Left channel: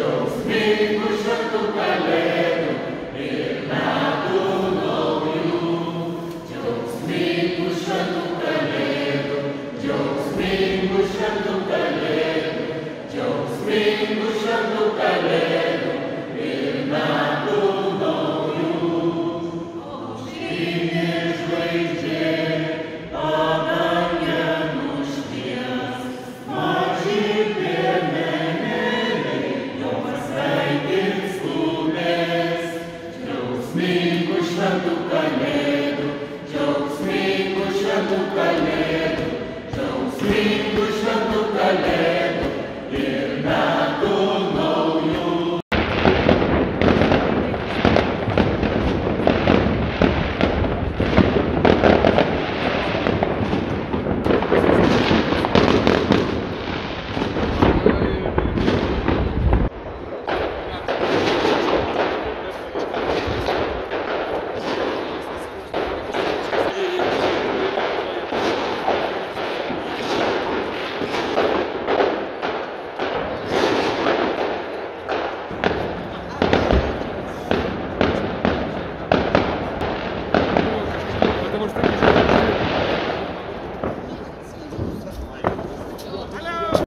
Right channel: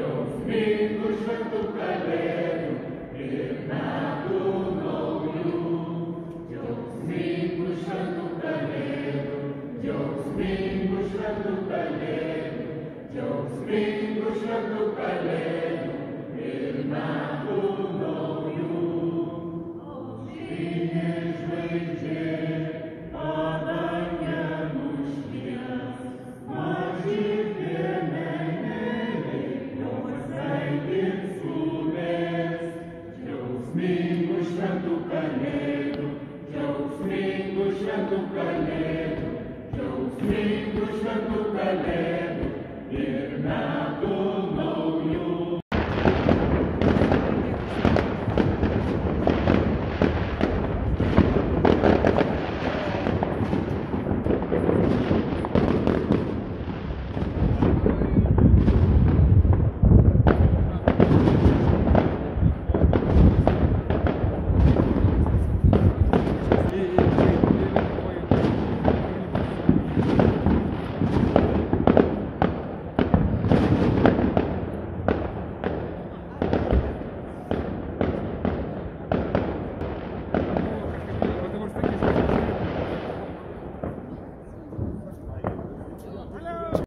Džiaugsmingu šventų kalėdų ir metų naujų. Džiaugsmingų šventų kalėdų, džiaugsmingų šventų kalėdų, džiaugsmingų šventų kalėdų ir metų naujų. Aušrinė žvaigždė padange nušvies, maži piemenėliai jau pasveikins skubės. Džiaugsmingų šventų kalėdų, džiaugsmingų šventų kalėdų, džiaugsmingų šventų kalėdų ir metų naujų. Потому что